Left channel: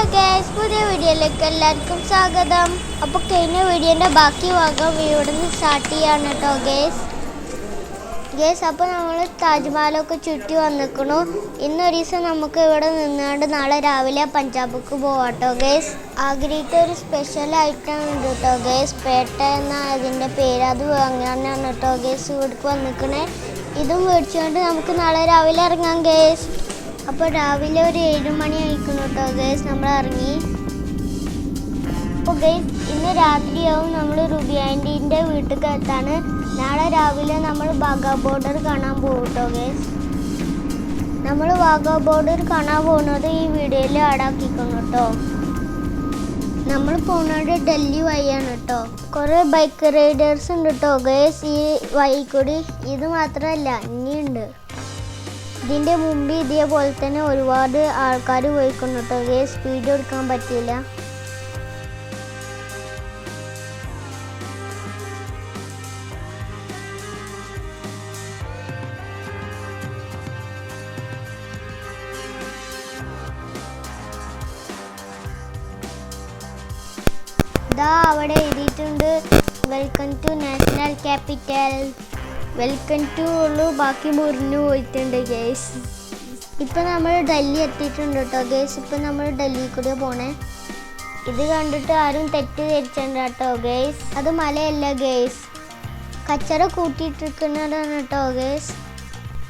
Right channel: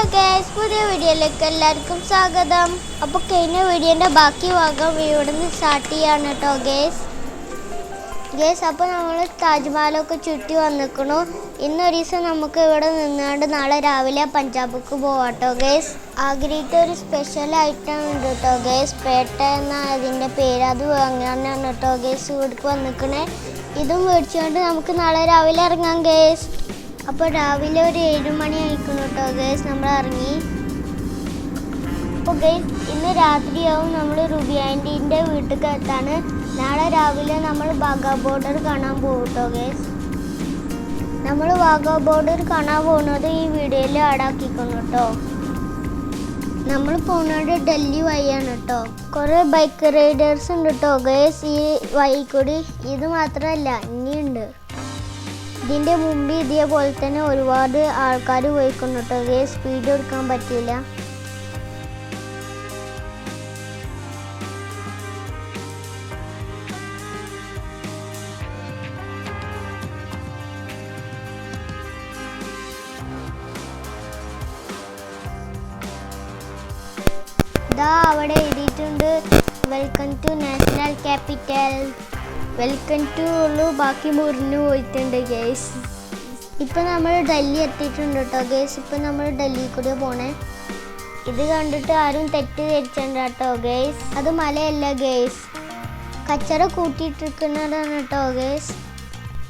Hello guys പുതിയ വീഡിയോയിലേക്ക് എല്ലാവർക്കും സ്വാഗതം. അപ്പോൾ കഴിഞ്ഞ വീഡിയോന്റെ ബാക്കി ഭാഗം ഇവിടെ നിന്ന് സ്റ്റാർട്ട് ചെയ്യാണ് കേട്ടോ ഗേസ് ഗേസ് അപ്പോൾ നമ്മൾ താജ്മഹലൊക്കെ ചുറ്റി വന്നിക്കണു. ഇന്നൊരു ദിവസം നമുക്ക് ഇവിടെ നിന്നുകൊണ്ട് നാളെ രാവിലെ പഞ്ചാബിക്ക് പോവാട്ടോ ഗേസ് ആഗ്രഹിച്ച ഒരു സ്പെഷ്യൽ ഐറ്റം ഉണ്ട് കേട്ടോ ഗേസ് പേട്ട എന്ന അതിന്റെ പേര് അത് വാങ്ങാനാണ് കേട്ടോ ഗേസ് ഇവിടേക്ക് വന്നിക്കണേ. ഇതും മേടിച്ചുകൊണ്ട് നമുക്ക് നാളെ രാവിലെ ഇറങ്ങാം ഗേസ് അപ്പോൾ രാവിലെ ഒരു ഏഴുമണി ആയിക്കണം കേട്ടോ ഗേസ് നമ്മൾ ഇറങ്ങി. അപ്പോൾ ഗേസ് ഇന്ന് രാത്രിയാവും നമ്മൾ റുബി ആന്റീന്റെ വീട്ടിൽ എത്താണ് നാളെ രാവിലെ നമ്മൾ ബാഗ ബോർഡർ കാണാൻ പോകും കേട്ടോ ഗേസ് നമ്മൾ വാഗ ബോർഡർ കാണാൻ പോകുന്നത് ഈ വീഡിയോയിൽ ആടാക്കിക്കണം കേട്ടോ നമ്മൾ പോകുന്നത് ഡൽഹി വഴിയാണ് കേട്ടോ കുറേ ബൈക്ക് റൈഡേഴ്സ് ഉണ്ട് കേട്ടോ ഗേസ് ഈ വഴി കൂടി ഇത് മാത്രമല്ല ഇനിയുണ്ട്. ഇതിന്റെ മുമ്പ് ഇതേപോലെ തന്നെ ഒരുപാട് ആൾക്കാർ പോയിക്കുന്നു കേട്ടോ സ്പീഡ് കൊടുക്കാൻ പറ്റിയില്ല അവിടെ എഴുതിയിട്ടുണ്ട് welcome to national capital welcome to ഉള്ളു. ബാക്കി മുറിഞ്ഞു പോയിട്ടുണ്ട് ഗേസ് ഇപ്പം നമ്മൾ ഡൽഹി എത്തിയിട്ടുണ്ട് കേട്ടോ ഗേസ് ഇപ്പം നമ്മൾ ഡൽഹി കൂടെ പോണേ. ഇത് കണ്ടിട്ട് ആരും തെറ്റ് ധരിച്ചിട്ടുണ്ട് കേട്ടോ ഗേസ് അത് മലയല്ല ഗേസ് കച്ചറ കൂട്ടിയിട്ടിരിക്കുന്നതാണ് കേട്ടോ ഗേസ്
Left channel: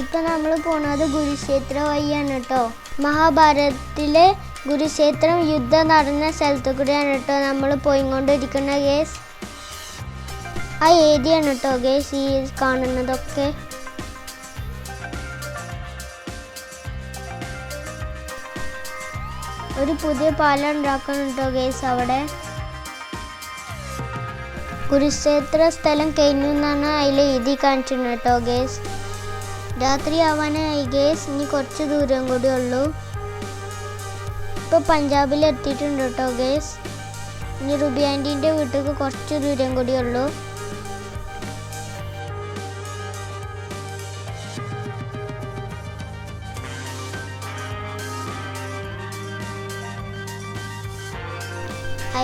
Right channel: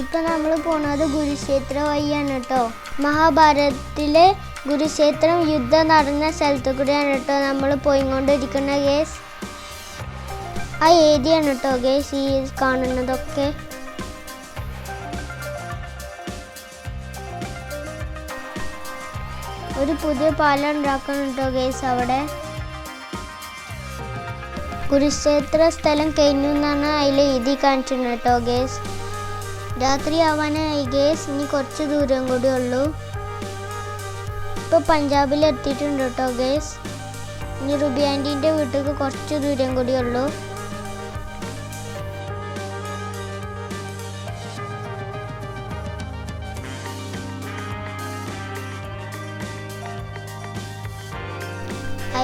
ഇപ്പം നമ്മൾ പോണത് കുരുക്ഷേത്ര വഴിയാണ് കേട്ടോ മഹാഭാരതത്തിലെ കുരുക്ഷേത്രം യുദ്ധം നടന്ന സ്ഥലത്തു കൂടെയാണ് കേട്ടോ നമ്മൾ പോയിക്കൊണ്ടിരിക്കുന്ന ഗേസ് ആ ഏരിയ കേട്ടോ ഗേസ് ഈ കാണുന്നതൊക്കെ. ഒരു പുതിയ പാലം ഉണ്ടാക്കണം കേട്ടോ ഗേസ് അവിടെ. കുരുക്ഷേത്ര സ്ഥലം കഴിഞ്ഞു എന്നാണ് അതിൽ എഴുതി കാണിച്ചിരുന്നത് കേട്ടോ ഗേസ് രാത്രി ആവാനായി ഗേസ് ഇനി കുറച്ച് ദൂരം കൂടി ഉള്ളൂ. ഇപ്പൊ പഞ്ചാബിൽ എത്തിയിട്ടുണ്ട് കേട്ടോ ഗേസ് ഇനി റുബി ആന്റീന്റെ വീട്ടിലേക്ക് കുറച്ച് ദൂരം കൂടി ഉള്ളൂ.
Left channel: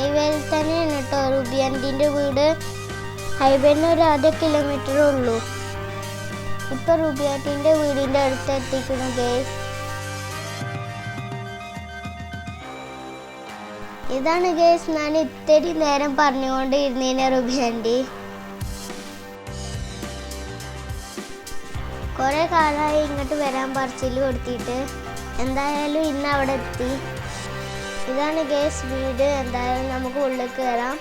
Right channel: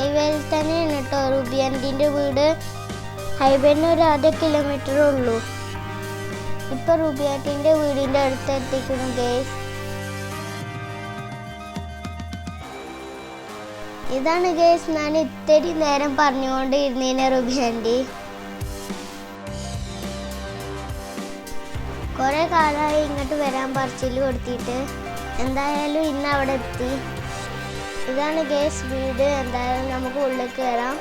ഹൈവേയിൽ തന്നെയാണ് കേട്ടോ റുബിയാന്റീന്റെ വീട്. ഹൈവേന്ന് ഒരു അര കിലോമീറ്റർ ഉള്ളൂ. ഇപ്പൊ റുബിയാന്റീന്റെ വീടിന്റെ അടുത്ത് എത്തിക്കുന്നു ഗേസ് ഇതാണ് ഗേസ് ഞാൻ ഇത്തിരി നേരം പറഞ്ഞുകൊണ്ട് ഇരുന്നേനെ റുബിയാന്റി കുറെ കാലമായി ഇങ്ങോട്ട് വരാൻ പറച്ചിൽ കൊടുത്തിട്ട്. എന്തായാലും ഇന്ന് അവിടെ എത്തി. ഇതാണ് ഗേസ് വീട് എന്തായാലും നമുക്ക് ഉള്ളിൽ കയറാം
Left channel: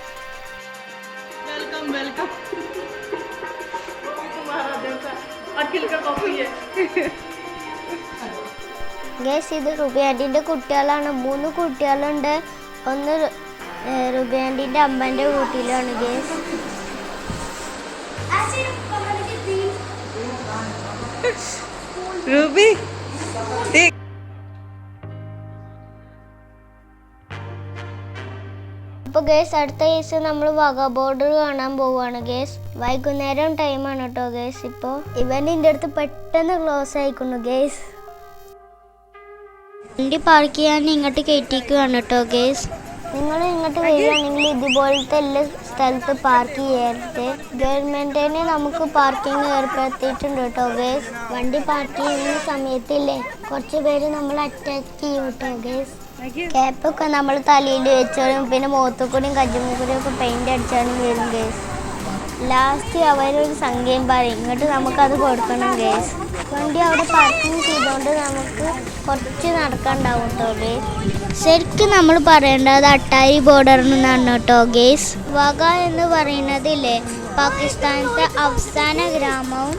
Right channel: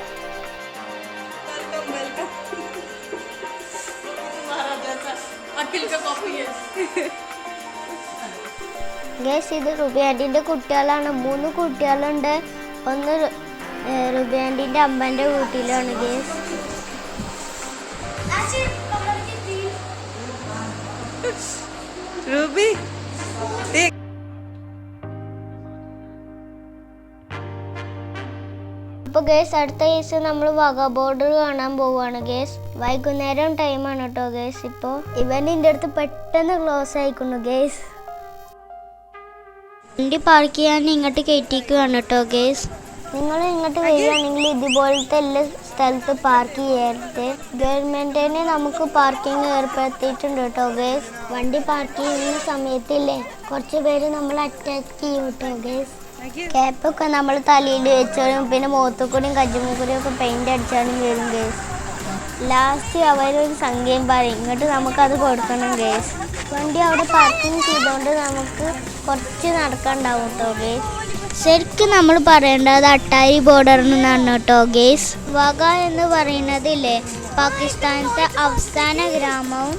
ഗേസ് ഇത് റുബിയാന്റിന്റെ കുട്ടികളാണ് മൂന്ന് കുട്ടികളുണ്ട് ഒന്ന് റുബിയാന്റിന്റെ അമ്മന്റെ വീട്ടിലാണ് ഗേസ് Ruby. Tik. അപ്പോൾ ഗേസ് അടുത്ത കേസ് നമ്മൾ വക ബോർഡർ കാണാൻ പോവുകയാണ് ഗേസ് വൈകുന്നേരം ടൈമാണ് കേട്ടോ ഗേസ് ഇപ്പോൾ ഇവന്റെ അടുത്ത് പെട്ടെന്ന് ക്ലോസ് ആയിക്കുന്നു ഗേസ് വണ്ടി പാർക്ക് ചെയ്യാൻ ഇങ്ങോട്ട് കയറ്റിക്കുകയാണ് കേട്ടോ ഗേസ് നിങ്ങൾ ഇങ്ങോട്ട് വരികയാണെങ്കിൽ ഇതുപോലത്തെ എല്ലാ സ്ഥലത്ത് പാർക്ക് ചെയ്യരുത്. ഗവൺമെന്റിനെ നമുക്ക് പാർക്കിംഗ് ഏർപ്പെടുത്തിയിട്ടുണ്ട് കേട്ടോ ഗേസ് വണ്ടി പാർക്ക് ചെയ്യുന്ന സമയത്തില്ലേ കുറച്ച് പേര് നമ്മൾ അറ്റാക്ക് ചെയ്യും കേട്ടോ ഗേസ് ക്യാപ്പൊക്കെ നമ്മൾ തലയിൽ വെച്ചാലും പിന്നെ മുഖത്തുകൂടിയും കജ്ജുമൂക്കൂടിയും ഒക്കെ പെയിന്റ് അടിച്ചാലും വരും ഗേസ് ലാസ്റ്റ് അവരൊരു സംഖ്യയും പറയും. ഇങ്ങോട്ട് നമുക്കത് കൊടുക്കണം ഗേസ് വണ്ടി അവിടെ പാർക്കിംഗ് ചെയ്തുകൊണ്ട് നമുക്ക് കുറച്ച് നടക്കാണ്ടാവും കേട്ടോ ഗേസ് ശരിക്കും നമ്മൾ പറയേണ്ടത് അട്ടാരി ബോർഡർ എന്നാണ് കേട്ടോ ഗേസ് വക എന്ന് പറയുന്നതില്ലേ പാകിസ്ഥാനത്തെ അവസാന ഗ്രാമവും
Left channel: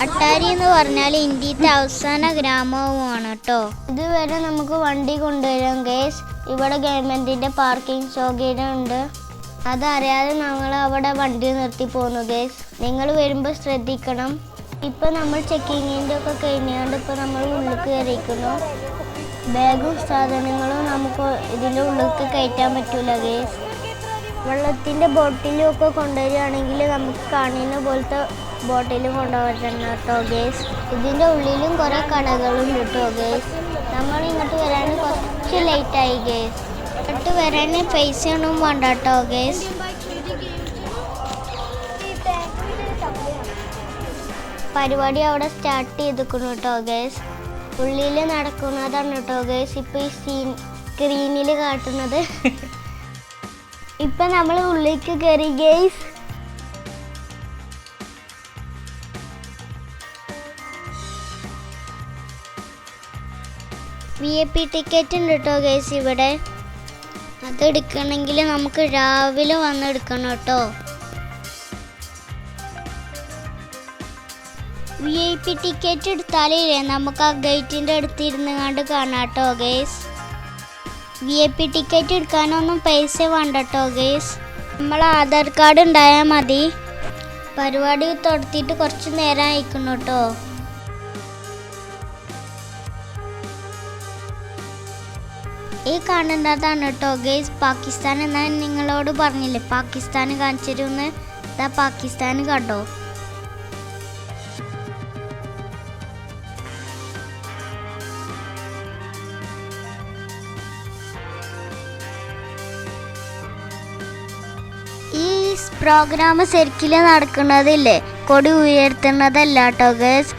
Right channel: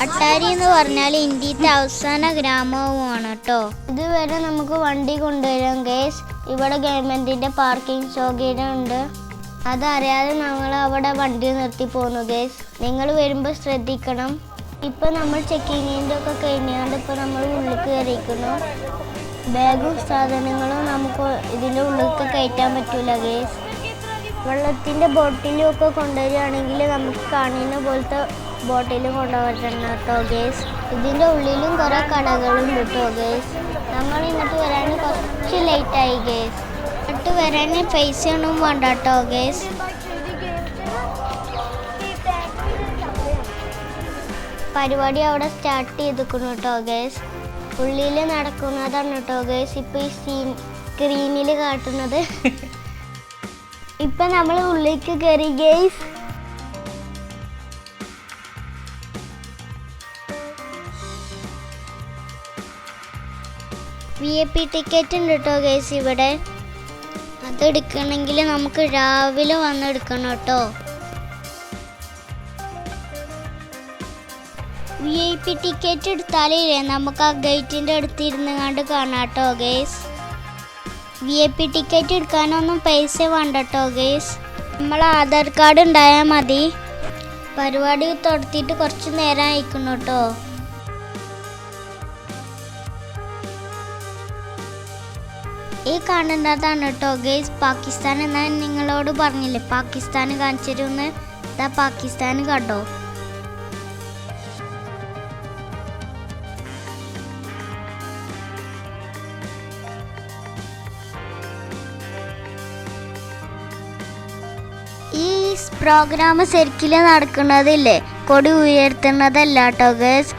അട്ടാരി എന്ന് പറഞ്ഞാൽ ഇന്ത്യത്തെ അവസാന ഗ്രാമവുമാണ് കേട്ടോ. ഇതുവരെ നമുക്ക് വണ്ടി കൊണ്ടുവരാം ഗേസ് ഇവിടെ ഗവൺമെന്റിന്റെ പാർക്കിംഗ് സൗകര്യം ഉണ്ട്. അതറിയാതെ ഞങ്ങൾ അവിടെ വണ്ടി നിർത്തി പോന്നു ഗേസ് നിങ്ങൾ വരുമ്പോൾ ശ്രദ്ധിക്കണം. ഇപ്പൊ നമ്മൾ ചെക്കിങ്ങിന്റെ ഒക്കെ കഴിഞ്ഞുകൊണ്ട് ഇപ്പൊ നമ്മൾ ഉള്ളിൽ കയറിയിരിക്കുന്നു ബാഗും സാധനങ്ങളും നമുക്ക് ഇതിന്റെ ഉള്ളിലേക്ക് കയറ്റാൻ പറ്റൂല ഗേസ് വെള്ളത്തിന്റെ ബോട്ടിലും ഒക്കെ കൊണ്ടുവരികയാണെങ്കിൽ നമുക്ക് കാണുന്ന പോലത്തെ ബോട്ടിൽ കൊണ്ടുപോയിട്ടുണ്ട് കേട്ടോ ഗേസ് ഇതിന്റെ ഉള്ളിലും കുറേ കടകളും കേട്ടോ ഗേസ് നമ്മൾ ഇങ്ങോട്ട് വരാൻ കുറച്ച് ലേറ്റായി ഗേസ് ഇങ്ങോട്ട് വരാൻ പൈസ ഒന്നും വേണ്ട കേട്ടോ ഗേസ് പരിപാടി അവിടെ സ്റ്റാർട്ട് ചെയ്തിരിക്കുന്നു കേട്ടോ ഗേസ് ഉള്ളിൽ നടക്കുന്നതാണ് കേട്ടോ ഗേസ് ഇപ്പം ഈ സീൻ സ്ക്രീനിൽ കാട്ടുന്നത്. ഇപ്പം നമ്മൾ ഉള്ളിലേക്ക് കയറി guys V I P ticket ഉണ്ട് കേട്ടോ ഗേസ് ഇവിടെ. അതെടുക്കണമെങ്കിൽ നമുക്ക് രാവിലെ വന്ന് എടുക്കണം കേട്ടോ. വി ഐ പി ടിക്കറ്റ് എടുത്താലേ നമുക്ക് ആ ഗേറ്റിന്റെ അടുത്ത് ഇരുന്ന് കണ്ട് കാണാം കേട്ടോ guys V I P ticket എടുക്കാനൊന്നും പൈസ വേണ്ട കേട്ടോ ഗേസ് നമ്മൾ ആധാർ കാർഡ് ഉണ്ടായാൽ മതി. പരിപാടി തുടത്തിയിട്ട് കുറച്ച് നേരം അയക്കണം കേട്ടോ. ഈ കാണേണ്ടതാണ് കേട്ടോ ഗെയ്സ് പാകിസ്ഥാൻ എന്നാൽ നിങ്ങളോട് പറഞ്ഞില്ലേ? പാകിസ്ഥാൻ കാണിച്ചിരുന്ന്. ഇതാ പാകിസ്ഥാൻ കണ്ടോ? ഈ പ്രോഗ്രാം ശരിക്കും നടക്കുന്നതില്ലേ? കൊടി ഉയർത്തുന്നതല്ല കേട്ടോ ഗേസ്.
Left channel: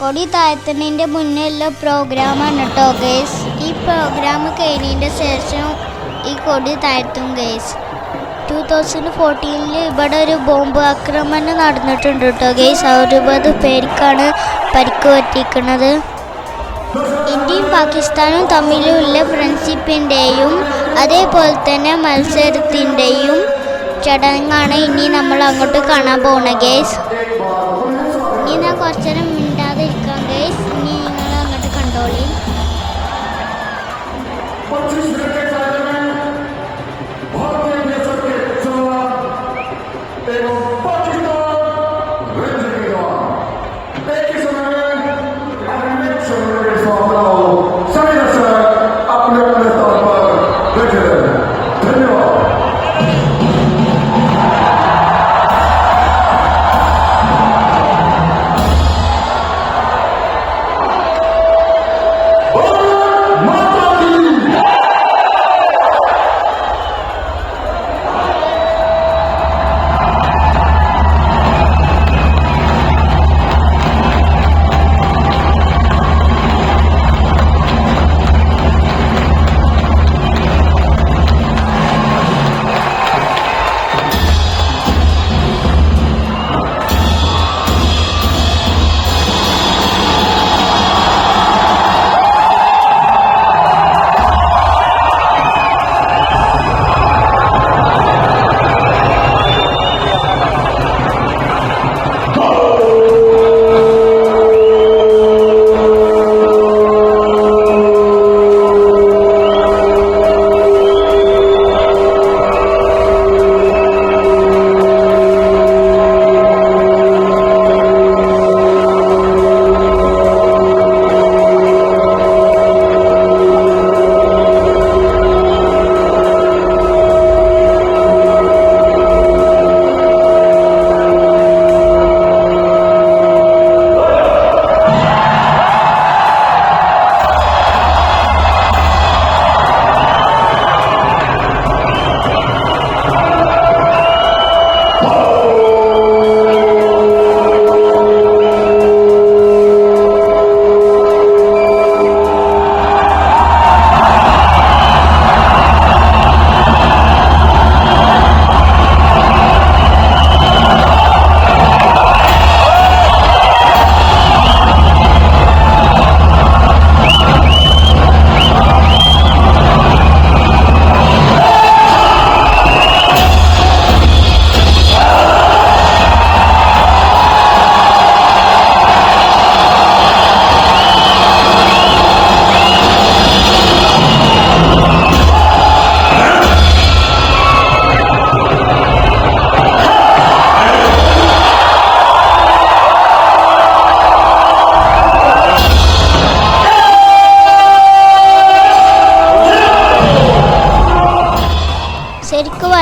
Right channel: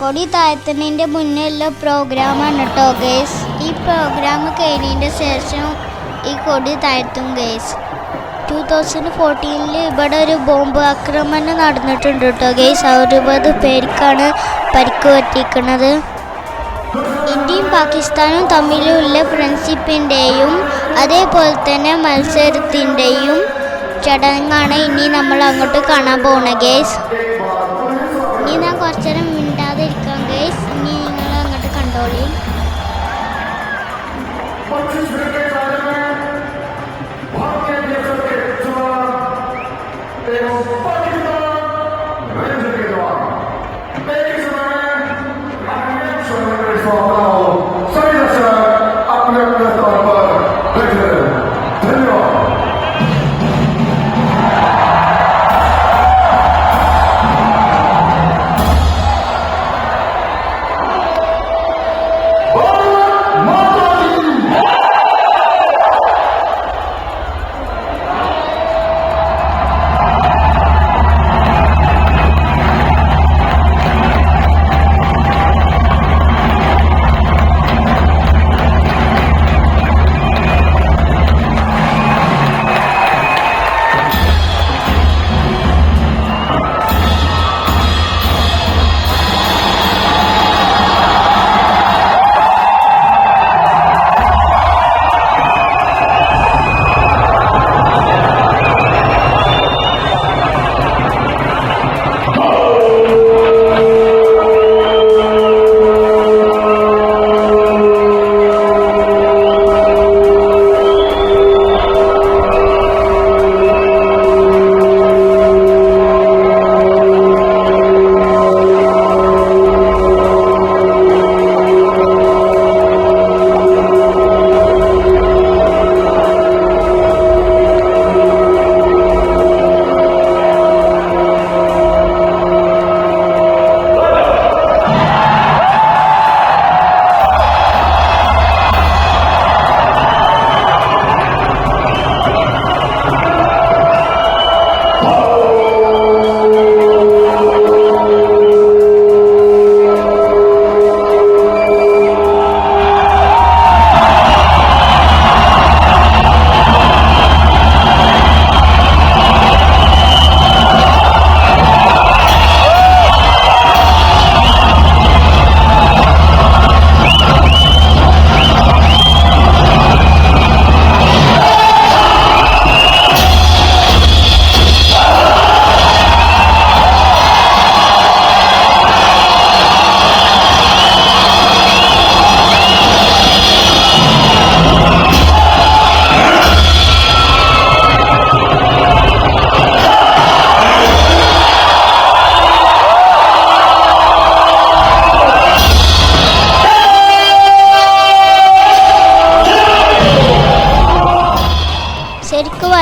കൊടി താഴ്ത്തുന്നതിന്റെ മുന്നേ ഉള്ള പ്രോഗ്രാമാണ് കേട്ടോ ഗേസ്. ഈ പ്രോഗ്രാം കഴിഞ്ഞതിന്റെ ശേഷം ഈ കൊടി താഴ്ത്തും ഗേസ് ടു തൗസൻഡ് ഫോർട്ടീനിൽ ഇവിടെ ഒരു ബോംബ് ആക്രമണം നടന്നിട്ടുണ്ട് കേട്ടോ ഗേസ് അറുപത് പേർക്കാണ് പരിക്ക് പറ്റിയിരിക്കുന്നത്. ഇന്ത്യയും പാകിസ്ഥാനും തമ്മിലുള്ള ഫ്രണ്ട്ഷിപ്പിന്റെയും അതേപോലെ തന്നെ മത്സരത്തിന്റെയും ചടങ്ങാണ് ഇനി നമ്മൾ അങ്ങോട്ട് കാണാൻ പോണ ഗേസ് ഇനി ഞാൻ കുറച്ചേരം മിണ്ടാതിരിക്കാം ഗേസ് ഇനി നിങ്ങൾ അങ്ങോട്ട് കണ്ടോളി. ശരിക്കും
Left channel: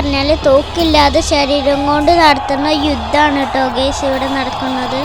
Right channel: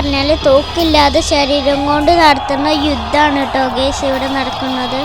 പറഞ്ഞാൽ തോക്കില്ലാതെ ശരീരം കൊണ്ട് നടത്തുന്ന യുദ്ധമാണ് കേട്ടോ ഗേസ് ഇവിടെ നടക്കുന്നത്.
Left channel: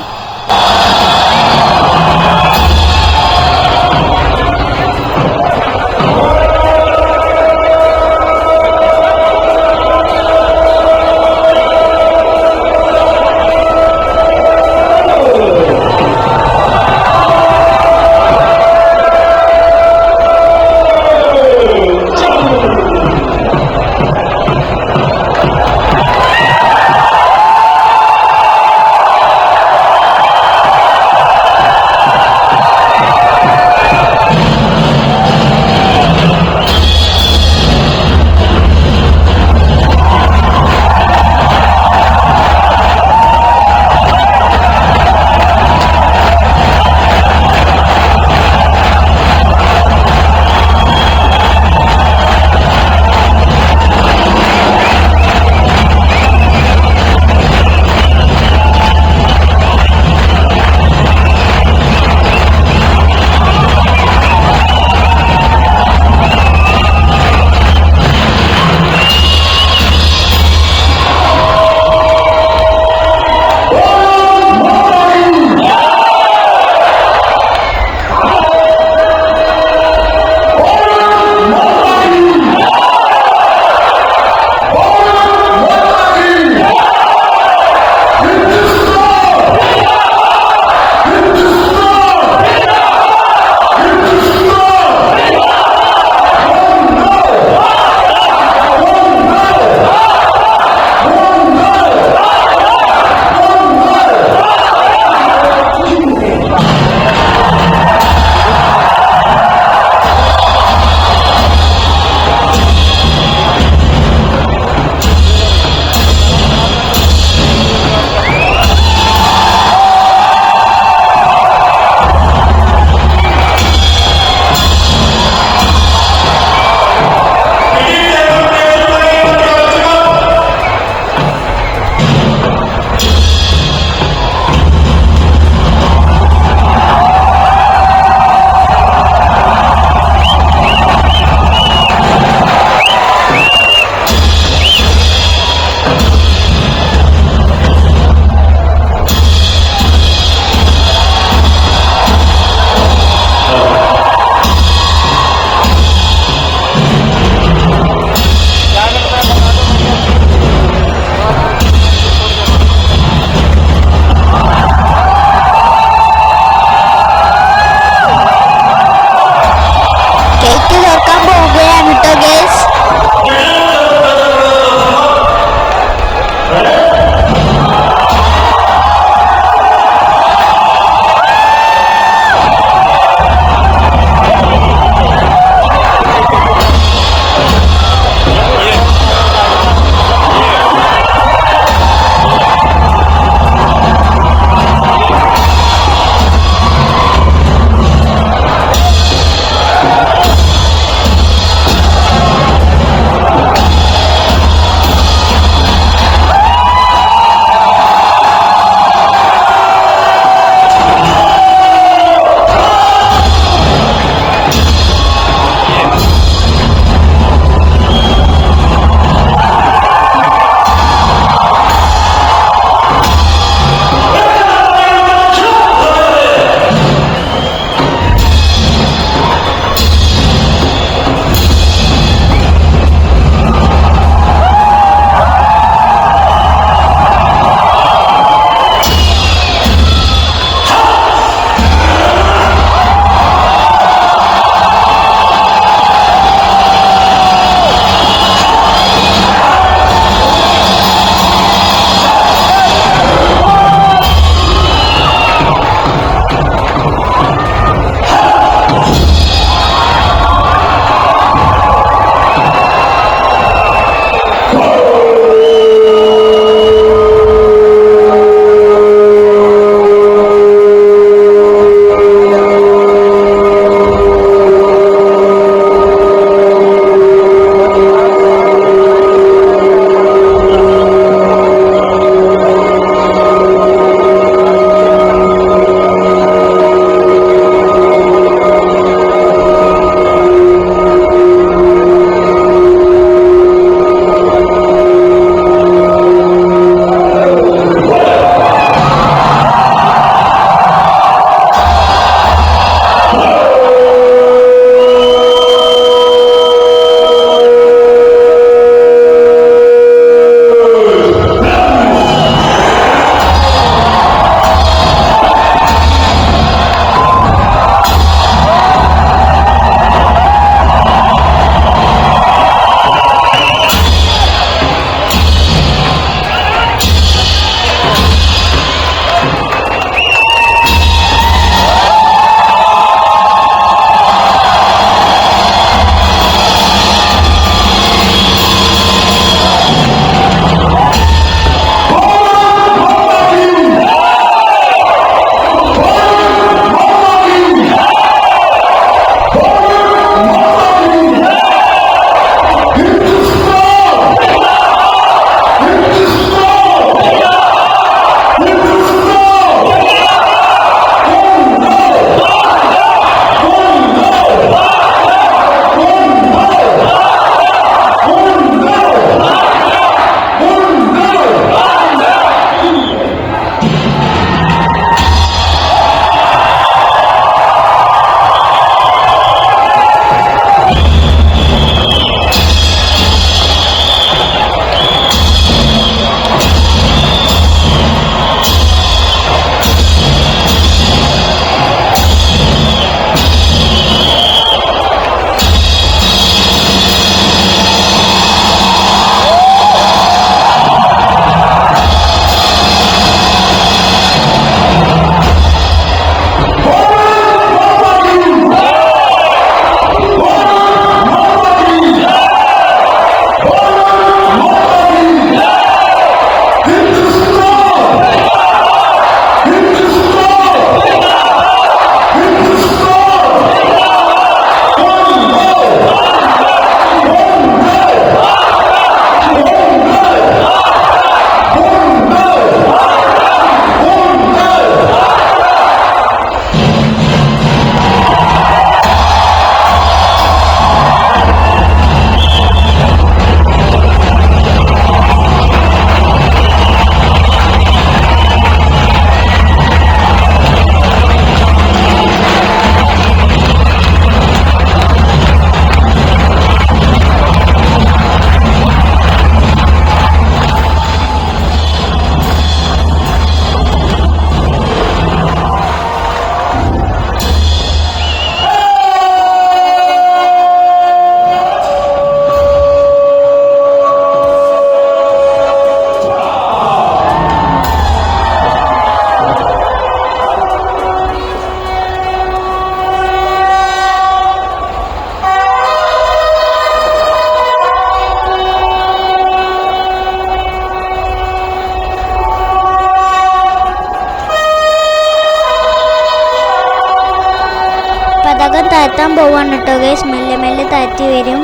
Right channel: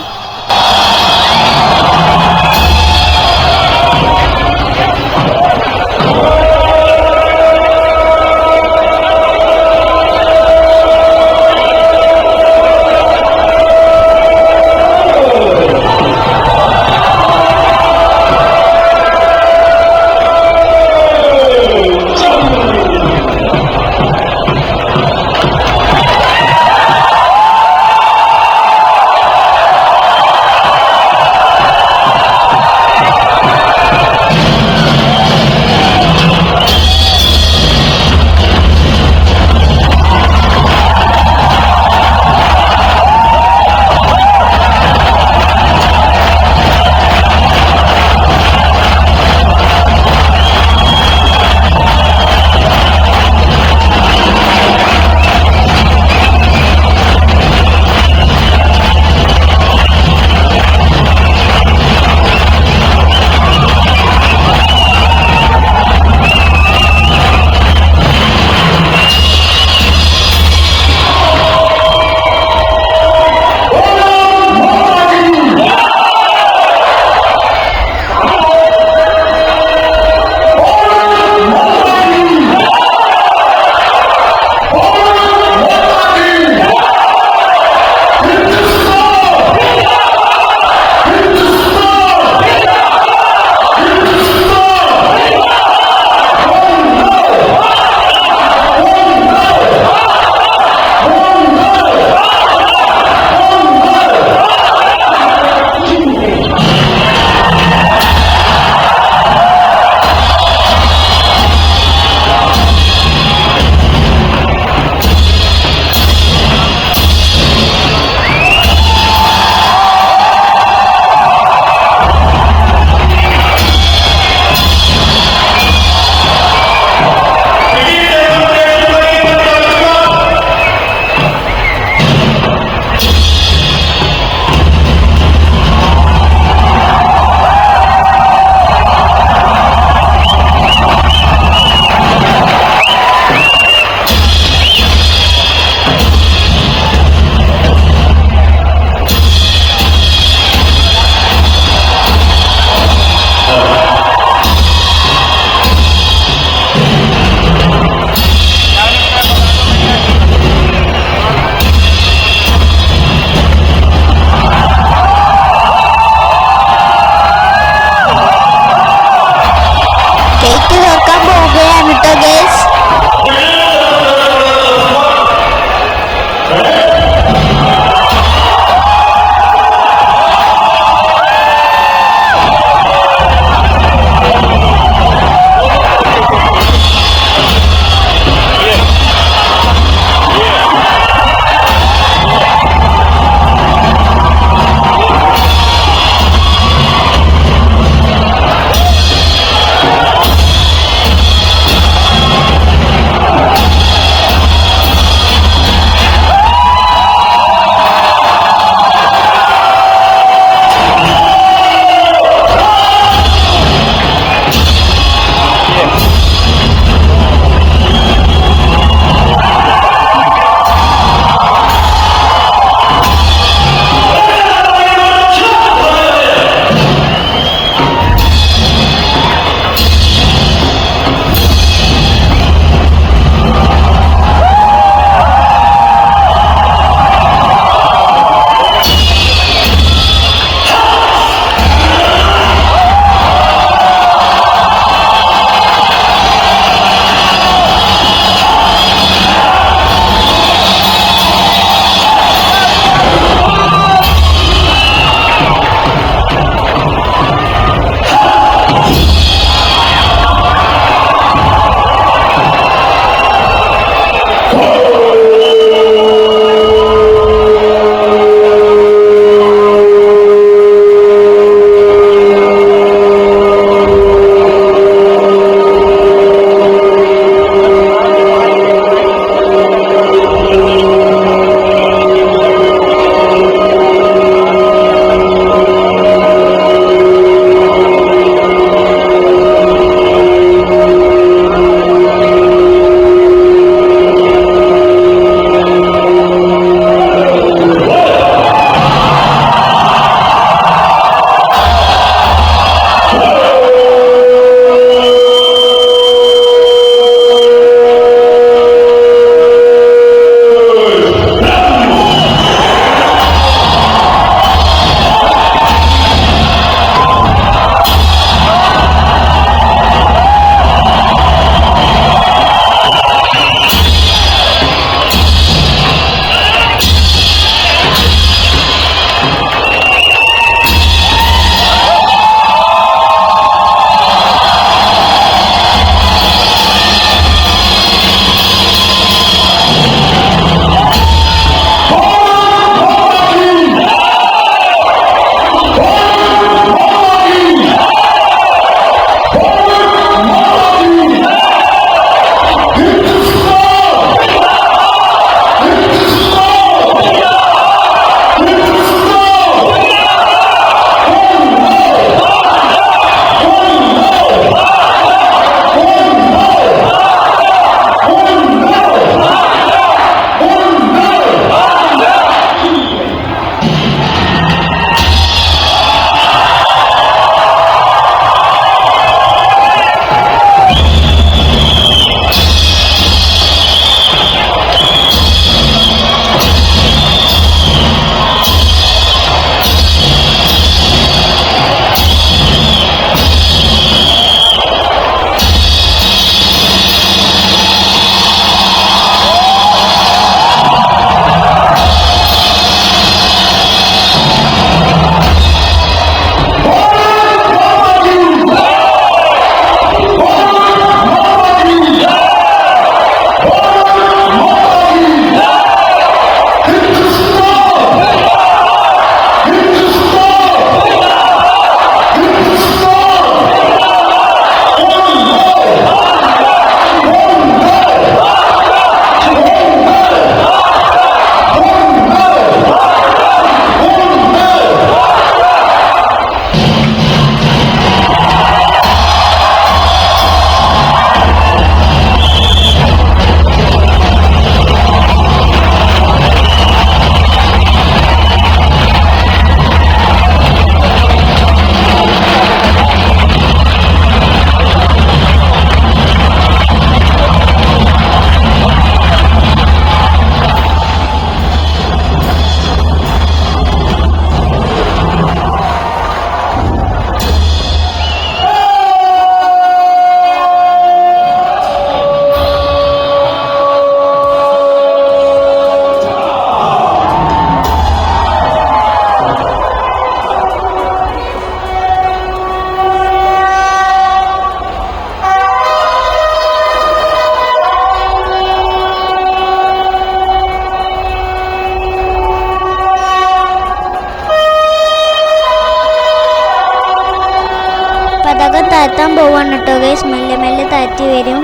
താഴ്ത്താൻ പോവാണ് കേട്ടോ ഗൈസ് മെല്ലെ മെല്ലെ താഴ്ത്തി വരും.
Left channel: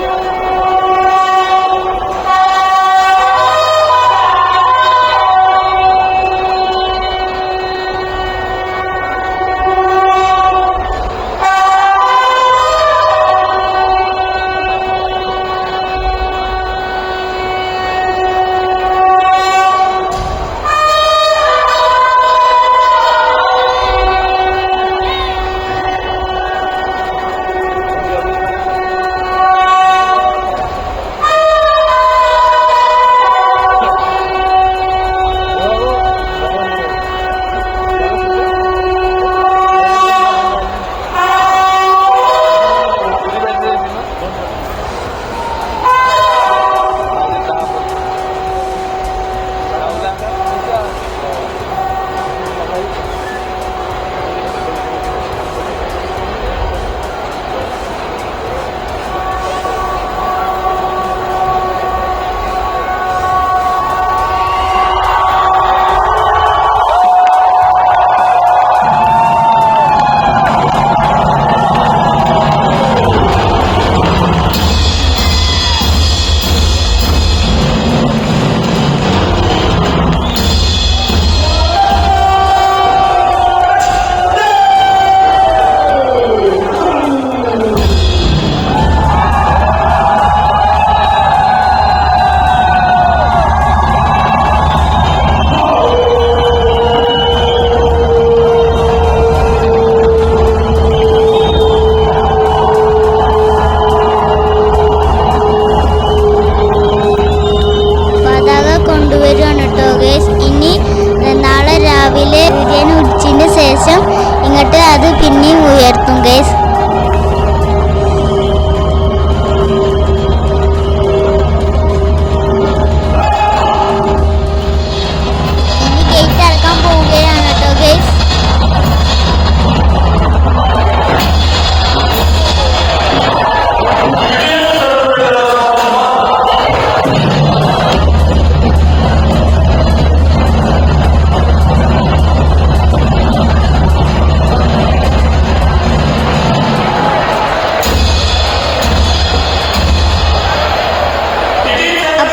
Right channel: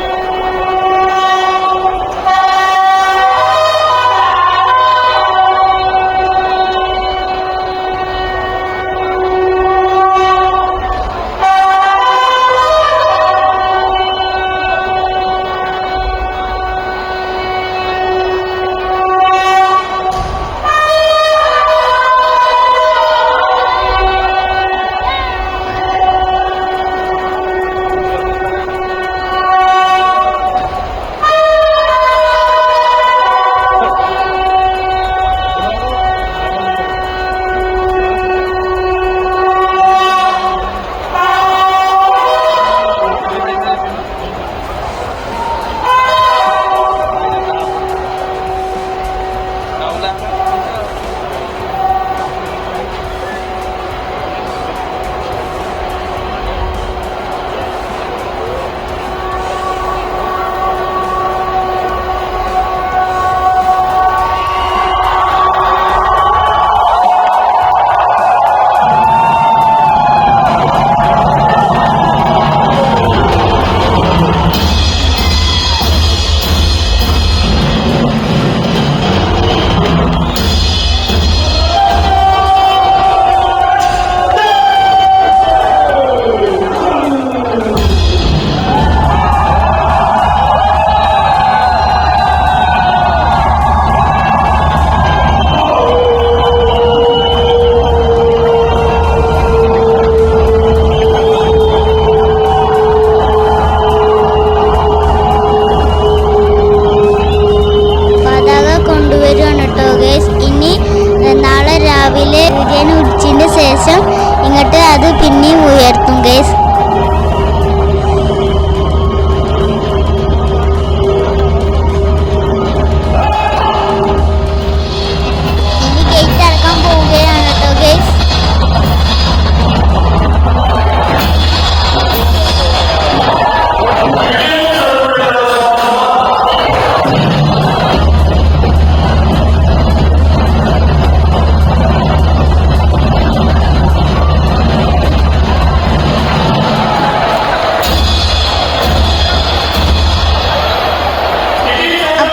കൊണ്ടുവരുവാണ് കേട്ടോ ഗൈസ് ഇനി നാളെ രാവിലെ സൂര്യൻ ഉടിച്ചതിന് ശേഷം ഇങ്ങോട്ട് അത് പിന്നെയും ഉയർത്തും ഗൈസ്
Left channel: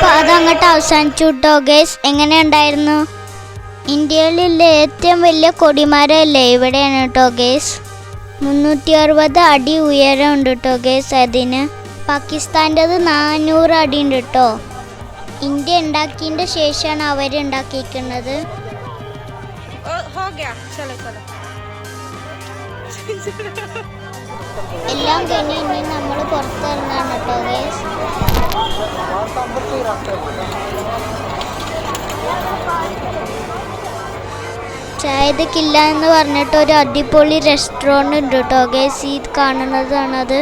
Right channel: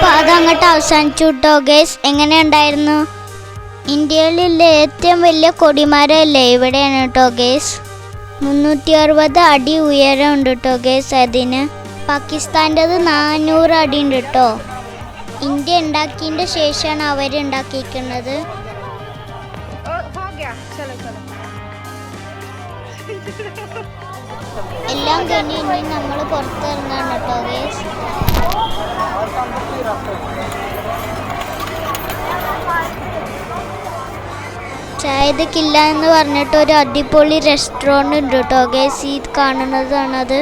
പാത അങ്ങോട്ട് അവസാനിച്ചു കേട്ടോ ഗേസ് എങ്ങനെ ഉണ്ടായിരുന്നു? ഇന്ത്യയിലുള്ള ഏറ്റവും വലിയ കൊടിമരമല്ലേ? ഇവിടെയാണ് കേട്ടോ ഗേസ് മുന്നൂറ്റി അറുപത് അടി ഉയരമുണ്ട് കേട്ടോ ഗേസ് അതിന്. പാകിസ്ഥാന്റെത് നാനൂറ് അടി ഉണ്ട് കേട്ടോ ഇന്ത്യ ഉണ്ടാക്കിയതിന്റെ ശേഷമാണ് അവർ ഉണ്ടാക്കിയിരിക്കുന്നത്. ഹോ ഗയാ. ചലോ ചലോ. എല്ലാം കഴിഞ്ഞ് ഇനി നമ്മൾ പുറത്തിറങ്ങാണ് കേട്ടോ ഗേസ് ചായതക്കില്ല എന്ന് പറഞ്ഞിട്ട് ഒരു അടിപൊളി റെസ്റ്റോറന്റ് ഉണ്ട് കേട്ടോ ഗേസ് ഈ കാണുന്നതാണത്.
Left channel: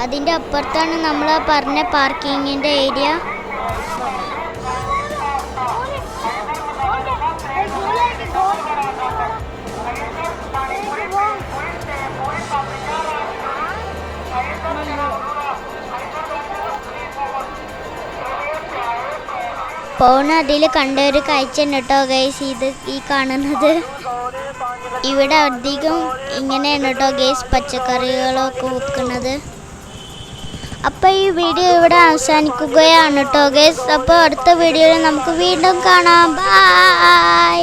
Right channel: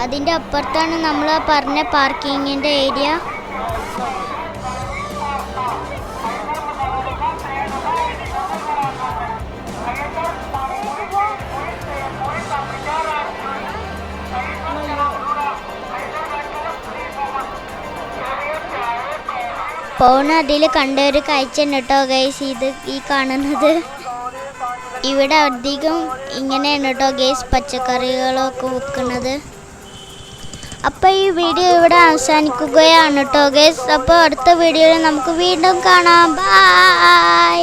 അതിന്റെ അപ്പുറത്താണ് നമ്മൾ പറഞ്ഞ പാർക്കിങ്ങിന്റെ ഏരിയ പോണ അതിൽ കണ്ട ഒരു കാഴ്ച കേട്ടോ ഗൈസ് ഇത് ഈ കാണുന്നത്. ഇവിടെ അധികം ഇങ്ങനെയാണ് കേട്ടോ ഗൈസ് പച്ചക്കറികളൊക്കെ വിൽക്കുന്നത് അപ്പോൾ ഈ വീഡിയോ ഇവിടെ അവസാനിക്കുകയാണ് കേട്ടോ ഗൈസ് അപ്പോൾ അടുത്ത വീഡിയോയിൽ നമുക്ക് വീണ്ടും കാണാം. ബൈ